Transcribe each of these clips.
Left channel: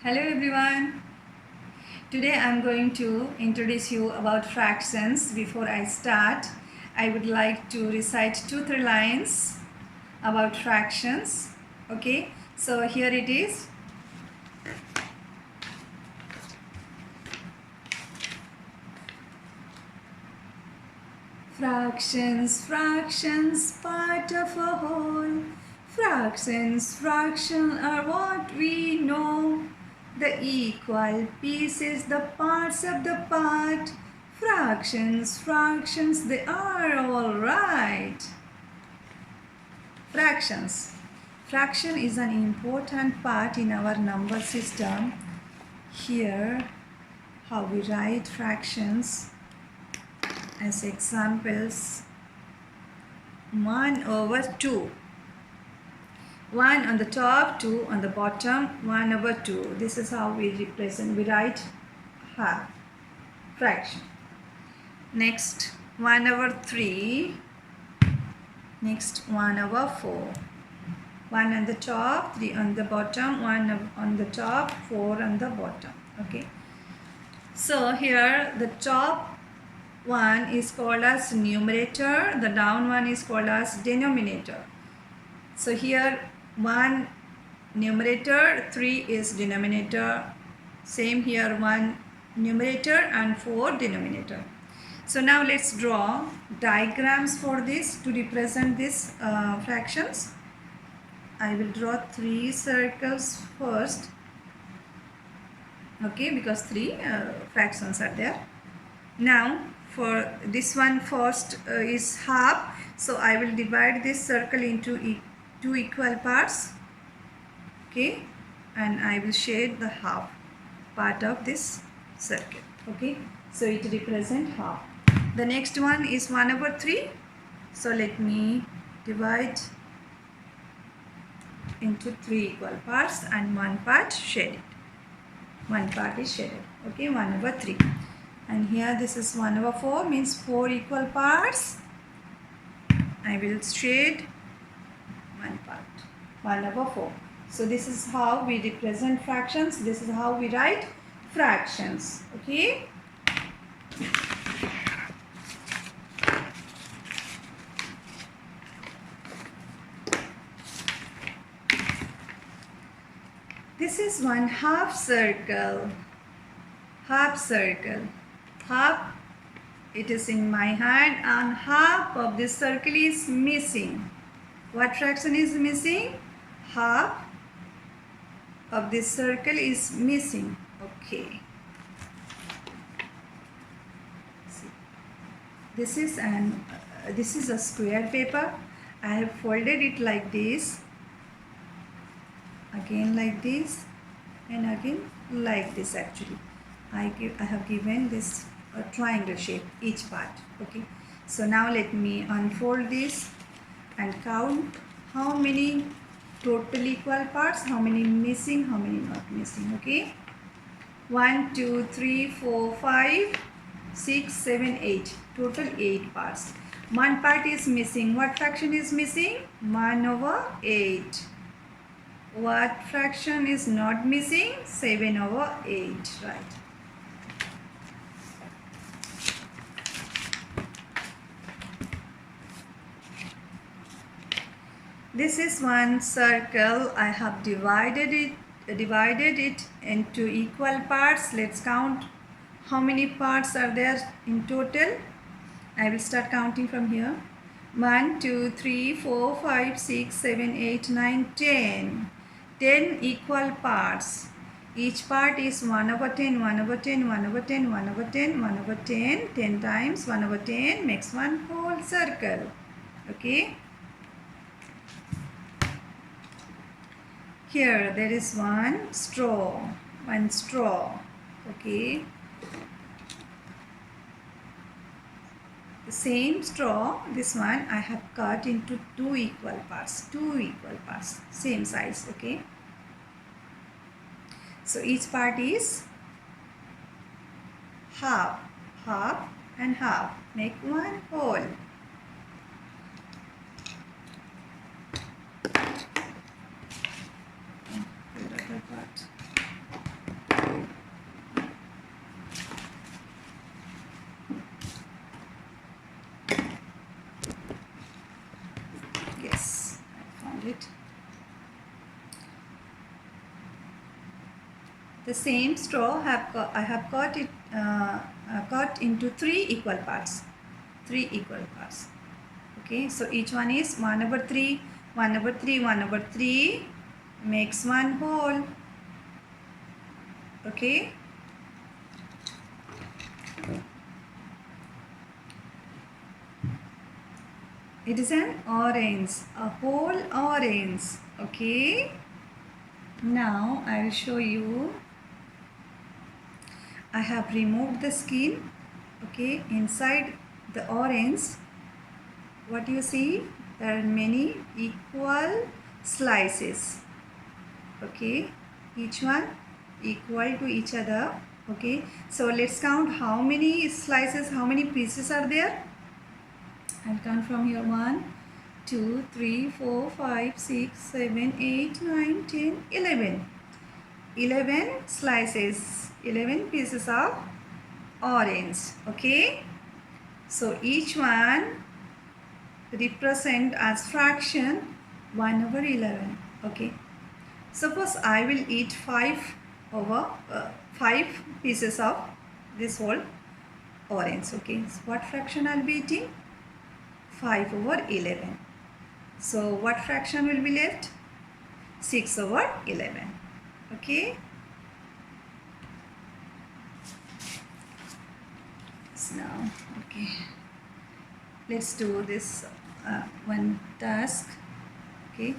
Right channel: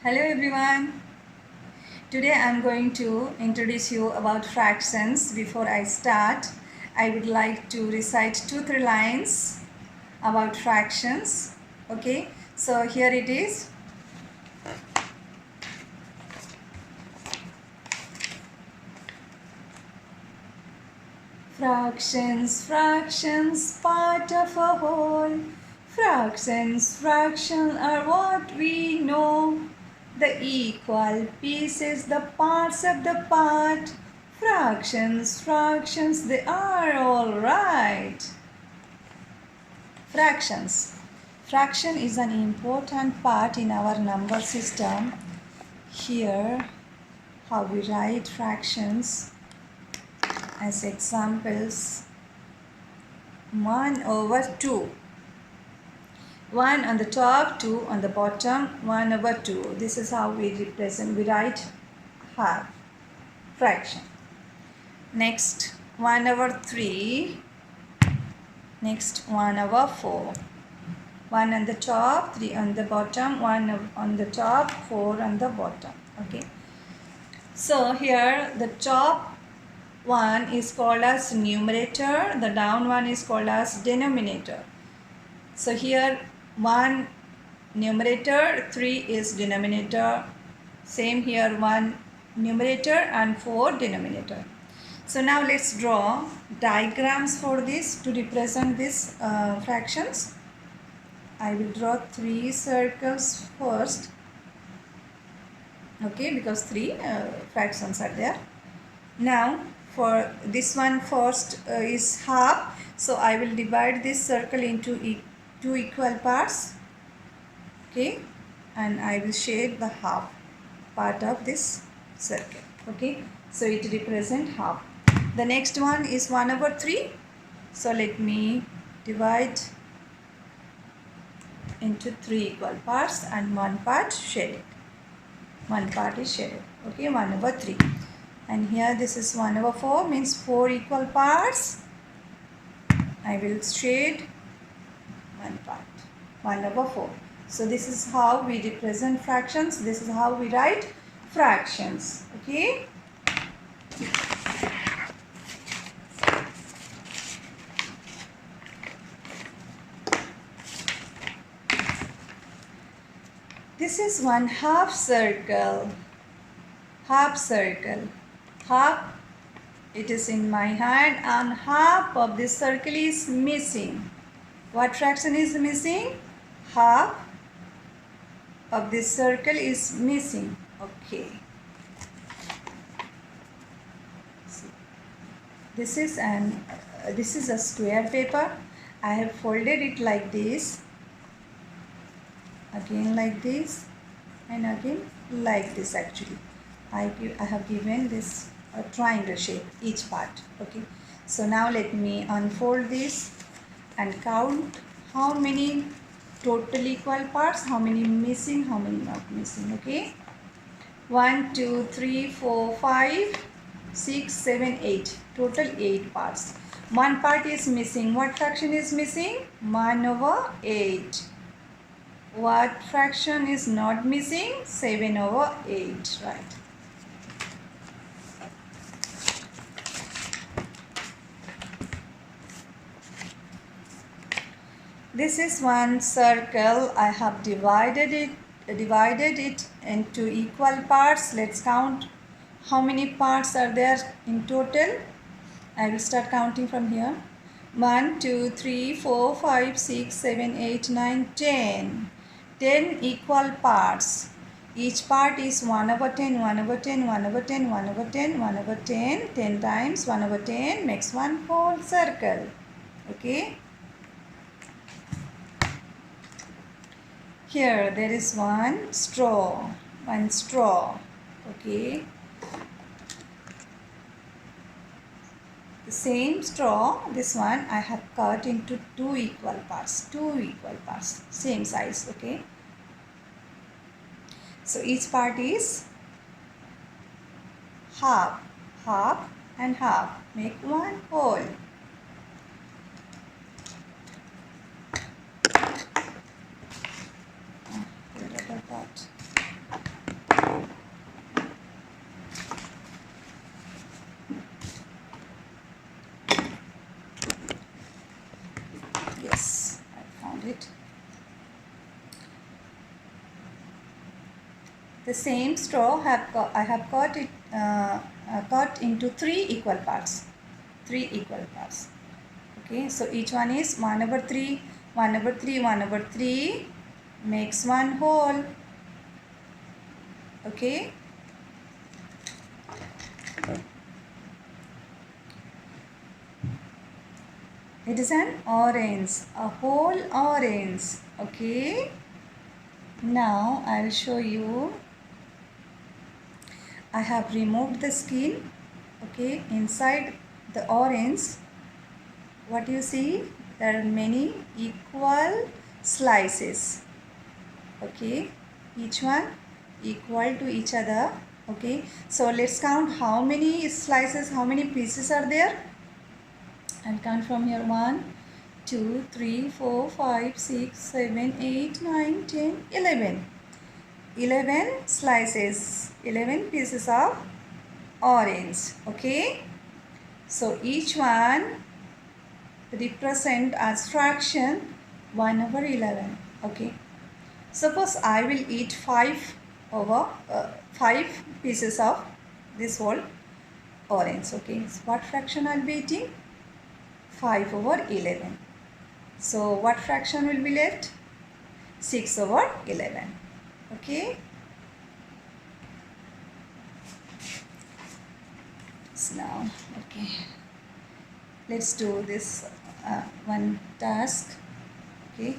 Hello everyone. Today I'm going to introduce you about fractions. Before I start, I would like to recite 2-3 lines about fractions. Okay, so here it is. Fractions, fractions, part of a whole. Fractions are what we know. The equal pieces, the parts of the part. Fractions, they are all right. Fractions. Fraction is an important part in our number system. Here, how we write fractions as examples. 1 over 2. 1 on the top, 2 on the bottom, 1 over 2. This is how we write half fraction. Next, 1 over 3. Next, 1 over 4. 1 on the top, 3 on the bottom, 1 on the top, 4 on the bottom. Okay. So here the top one is called as numerator, the down one is called as denominator. So here 1 numerator, 3 is denominator. Same here, 1 numerator and 4 denominator. So now let's draw diagrams for this to represent these fractions. I will draw 3 circles first. Okay, because 3 fractions are there. Now for this one first is half. So I will divide this circle into 2 equal parts. Okay, and I will shade the half part of this circle. Okay, so it represents half. The next one is 1 over 3. So let me divide into 3 equal parts and one part shaded. One part is shaded. Okay, 1 over 3. And here this is 1 over 4, means 4 equal parts. I will shade one part, 1 over 4. So this is how we represent fractions. This is how we write fractions. Okay. This is one half circle. Half circle. Half, it is in my hand, and half of this circle is missing. What fraction is missing? Half of this circle is missing. Okay. This is a square paper. I have folded it like this, again like this, and again like this. Actually, I have given this a triangle shape each part. Okay. So now let me unfold this and count how many total equal parts, how many missing, how many not missing. Okay. 1, 2, 3, 4, 5, 6, 7, 8. Total 8 parts. One part is missing. What fraction is missing? 1 over 8. What fraction is not missing? 7 over 8. Right. This is one circle. I have divided it into equal parts. Let's count how many parts are there in total. I will start counting from here. 1, 2, 3, 4, 5, 6, 7, 8, 9, 10. 10 equal parts. Each part is 1 over 10, 1 over 10, 1 over 10, 1 over 10, 1 over 10. 10 times 1 over 10 makes one whole circle. Okay. Here there is one straw. Okay. The same straw, this one I have cut into 2 equal parts. 2 equal parts. Same size. Okay. So each part is half, half and half. Make one whole. Where other part? found it. The same straw I have cut into 3 equal parts. 3 equal parts. Okay, so each one is 1/3, 1/3, 1/3 makes one whole. Okay. It is an orange, a whole orange. Okay. Now I'll show you. I have removed the skin. Okay, inside the orange, what you see, there are many equal slices. Okay, each one equal to each other. Okay, so let's count how many slices, how many pieces are there. I'll count from here. 1, 2, 3, 4, 5, 6, 7, 8, 9, 10, 11. 11 slices, 11 pieces of orange. Okay, so each one represent as fraction 1/11. Okay, suppose I will eat 5 pieces of this whole orange. Okay, so what fraction I'll be eating? 5/11. So what fraction will be left? 6/11. Okay. So now, okay, let's do this one task. Okay,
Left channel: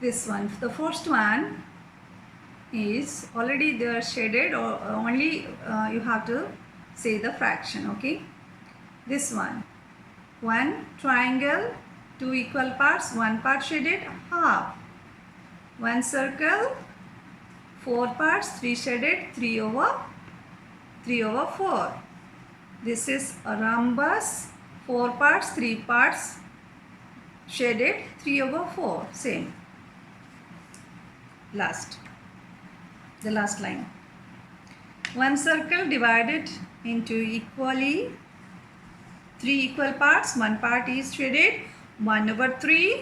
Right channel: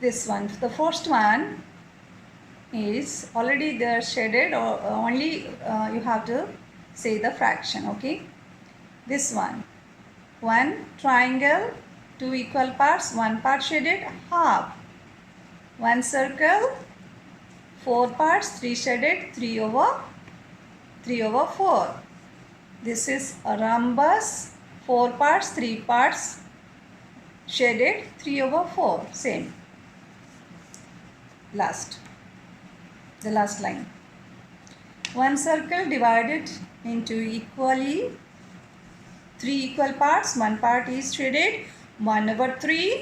this one, the first one is already there shaded, or only you have to say the fraction. Okay, this one triangle, 2 equal parts, 1 part shaded, half. 1 circle, 4 parts, 3 shaded, 3/4. This is a rhombus, 4 parts, 3 parts shaded, 3/4. Same. The last line. 1 circle divided into equally 3 equal parts. 1 part is shaded, 1/3.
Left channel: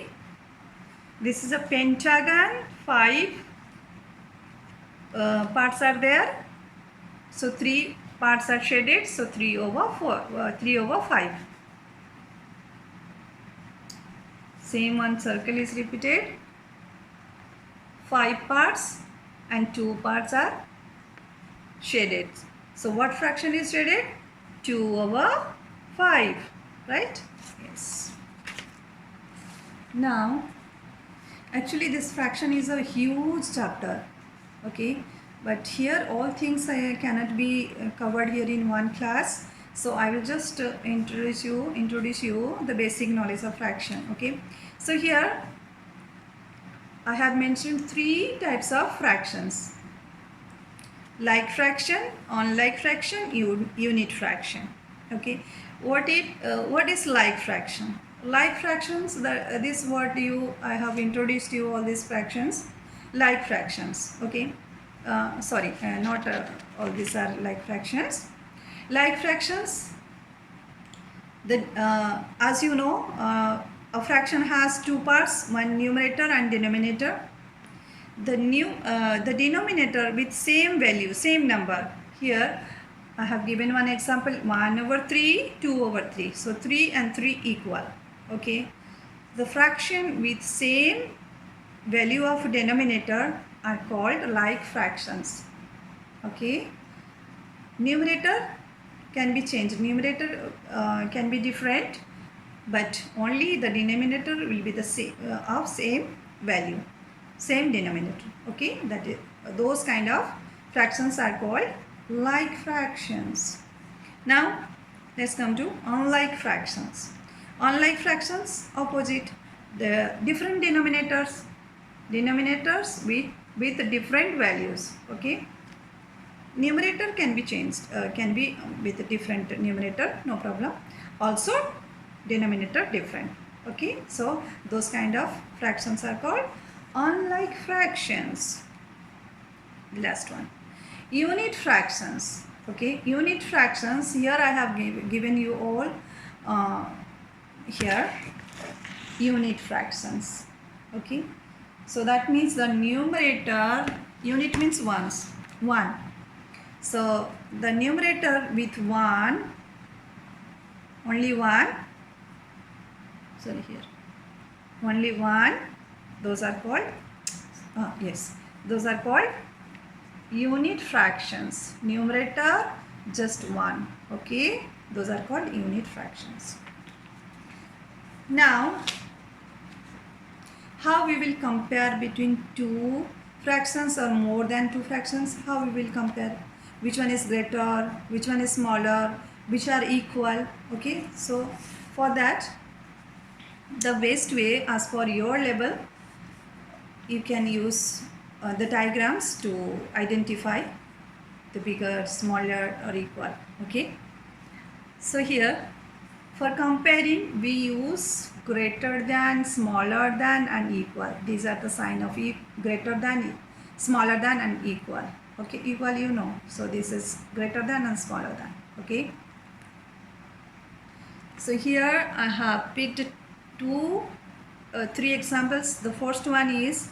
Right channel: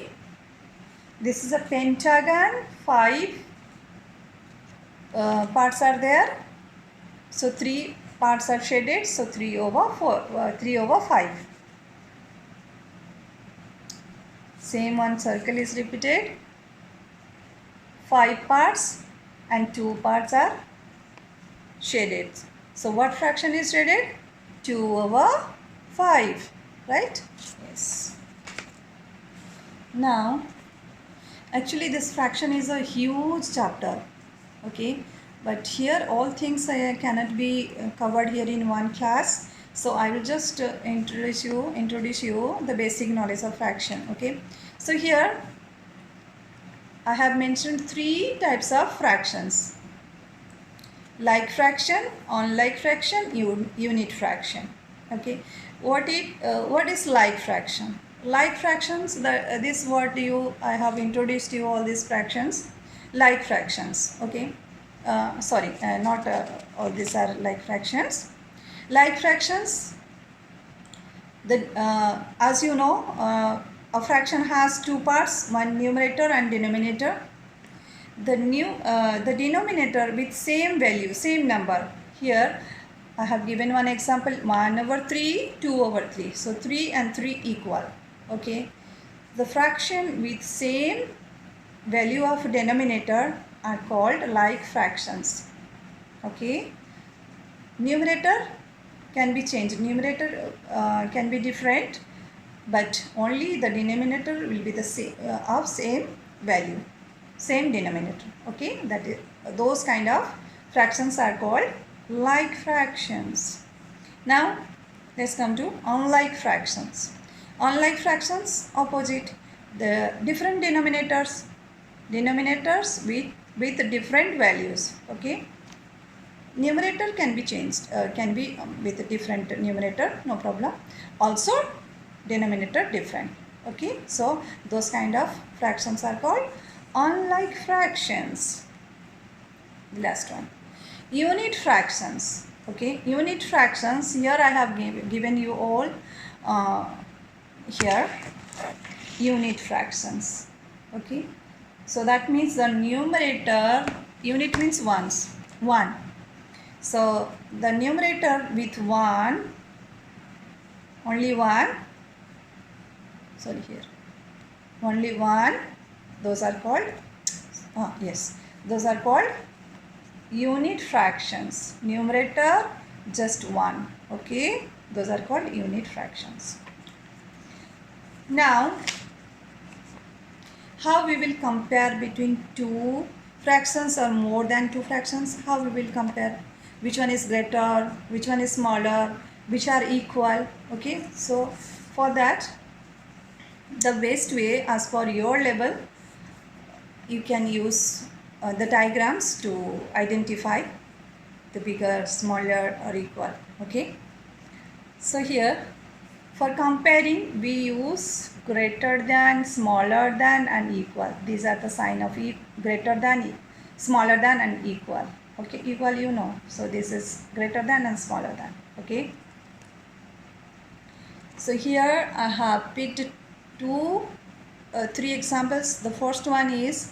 This is a pentagon, 5 parts are there. So 3 parts are shaded, so 3/5. Same, 1 circle is repeated, 5 parts and 2 parts are shaded. So what fraction is shaded? 2/5, right? Yes. Now, actually this fraction is a huge chapter. Okay, but here all things cannot be covered here in one class. So I will just introduce you the basic knowledge of fraction. Okay, so here I have mentioned 3 types of fractions: like fraction, unlike fraction, unit fraction. Okay, what is like fraction? Like fractions, this word I have introduced you all these fractions. Like fractions. Okay, sorry, not all these are like fractions. Like fractions, as you know, a fraction has 2 parts, one numerator and denominator. The denominator with same value, same number. Here I have given one example: 1/3, 2/3. So 3 and 3 equal. Okay, the fraction with same value of denominator are called like fractions. Okay, numerator can be changed, numerator can be different, but only the denominator will be the same, of same value, same denominator. Okay, that is, those kind of fractions are called like fractions. Now let's come to unlike fractions. Unlike fractions, opposite, the different denominators with different values. Okay, numerator can be changed, can be with a different numerator, no problem. Also denominator different. Okay, so those kind of fractions are called unlike fractions. The last one, unit fractions. Okay, unit fractions, here I have given you all here. unit fractions. Okay, so that means the numerator, unit means ones, 1. So the numerator with 1, only 1, sorry here, only 1, those are called, yes, those are called unit fractions. Numerator just 1. Okay, those are called unit fractions. Now how we will compare between two fractions or more than two fractions? How we will compare? Which one is greater, which one is smaller, which are equal? Okay, so for that, the best way as per your level, you can use the diagrams to identify the bigger, smaller or equal. Okay, so here for comparing we use greater than, smaller than and equal. These are the sign of greater than, smaller than and equal. Okay, equal you know, so this is greater than and smaller than. Okay, so here I have picked three examples. The first one is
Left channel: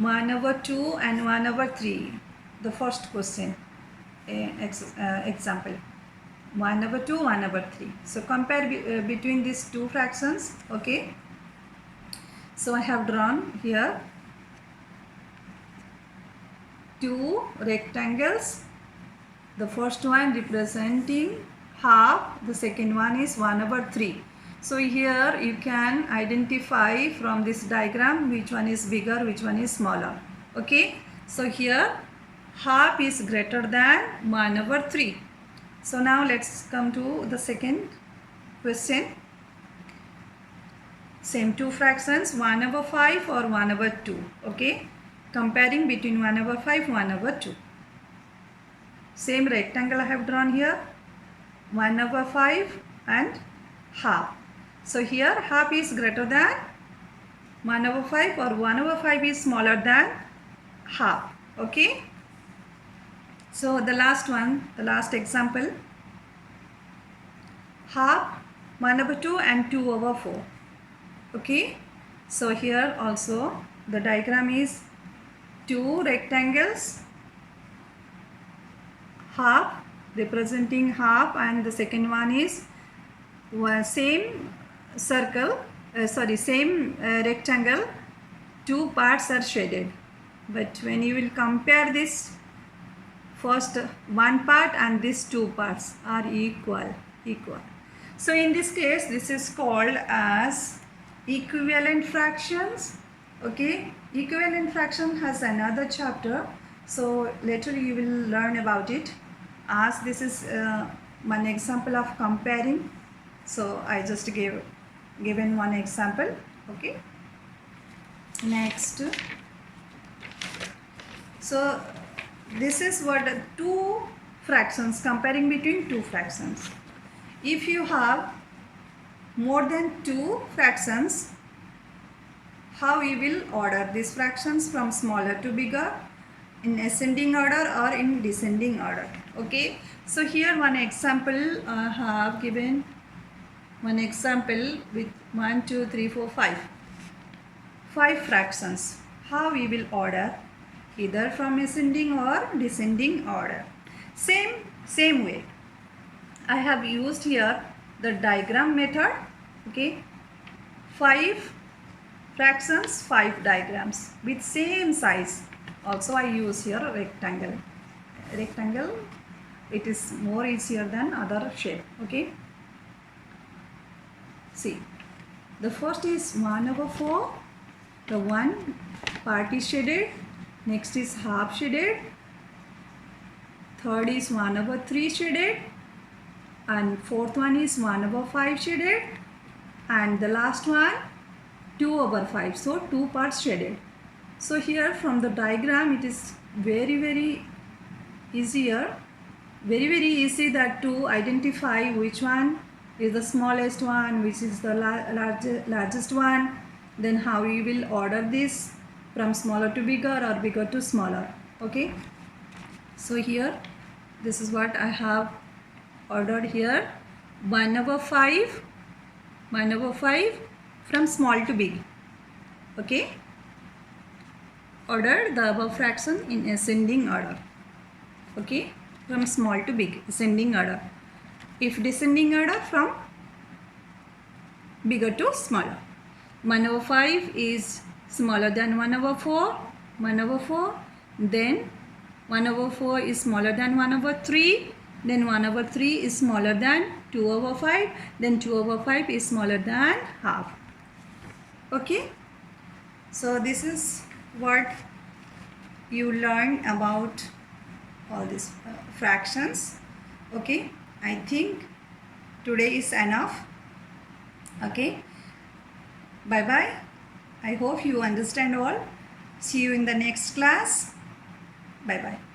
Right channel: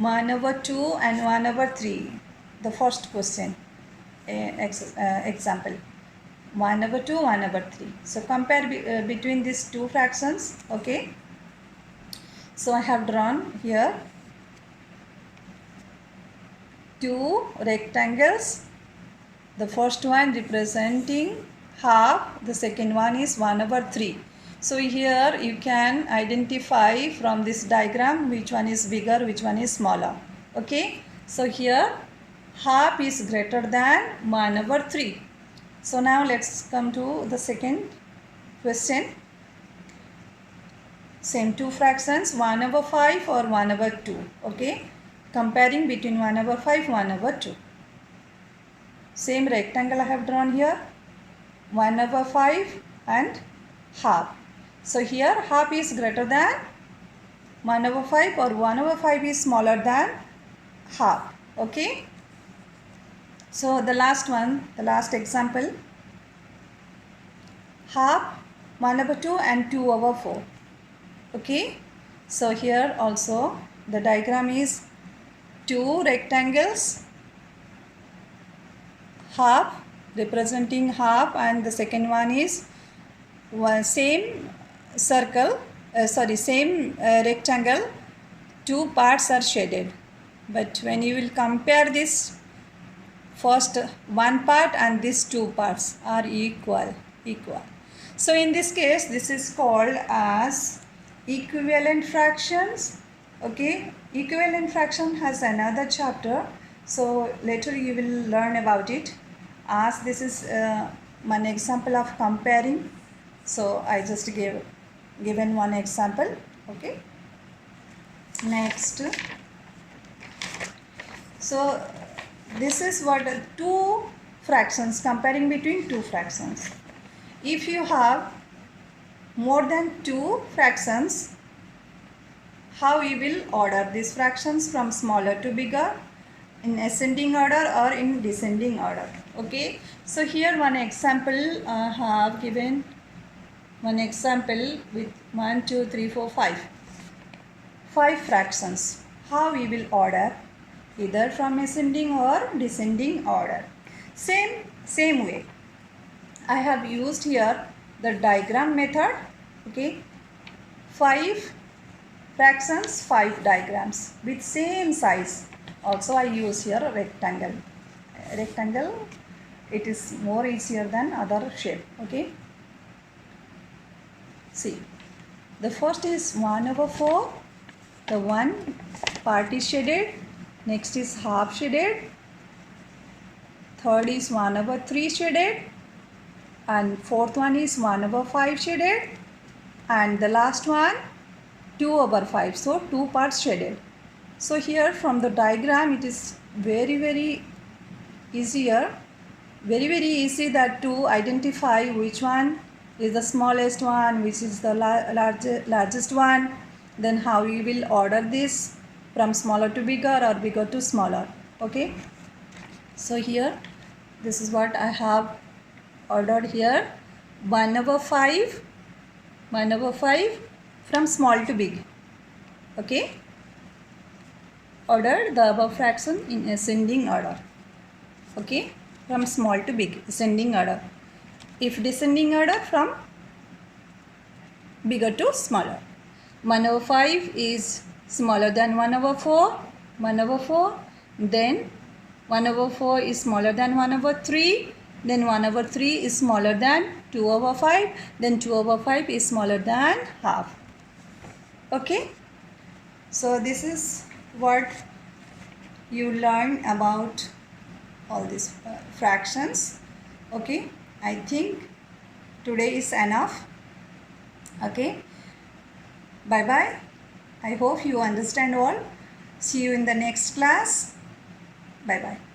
1/2 and 1/3. The first question example 1/2, 1/3. So compare between these two fractions. Okay, so I have drawn here two rectangles. The first one representing half, the second one is 1/3. So here you can identify from this diagram which one is bigger, which one is smaller. Okay, so here half is greater than 1/3. So now let's come to the second question. Same two fractions, 1/5 or 1/2. Okay, comparing between 1/5, 1/2. Same rectangle I have drawn here, 1/5 and half. So here half is greater than 1/5 or 1/5 is smaller than half. Okay, so the last one, the last example, half, 1/2 and 2/4. Okay, so here also the diagram is two rectangles, half representing half, and the second one is same circle, same rectangle, two parts are shaded. But when you will compare this, first one part and these two parts are equal. So in this case, this is called as equivalent fractions. Okay, equivalent fraction has another chapter, so later you will learn about it. As this is one example of comparing, so I just given one example. Okay, next, so this is what two fractions, comparing between two fractions. If you have more than two fractions, how you will order these fractions from smaller to bigger, in ascending order or in descending order. Okay, so here one example I have given, one example with 1, 2, 3, 4, 5 fractions. How we will order, either from ascending or descending order. Same way I have used here the diagram method. Okay, 5 fractions, 5 diagrams with same size. Also I use here a rectangle. It is more easier than other shape. Okay, see, the first is 1/4. The one part is shaded, next is half shaded, third is 1/3 shaded, and fourth one is 1/5 shaded, and the last one 2/5. So two parts shaded. So here from the diagram it is very easier, very easy that to identify which one is the smallest one, which is the largest one. Then how we will order this from smaller to bigger or bigger to smaller. Okay, so here this is what I have ordered here. 1/5, from small to big. Okay, order the above fraction in ascending order. Okay, from small to big, ascending order. If descending order, from bigger to smaller. 1 over 5 is smaller than 1 over 4. 1 over 4. Then 1 over 4 is smaller than 1 over 3. Then 1 over 3 is smaller than 2 over 5. Then 2 over 5 is smaller than half. Okay. So this is what you learn about all these fractions. Okay. I think today is enough. Okay. Bye bye. I hope you understand all. See you in the next class. Bye bye.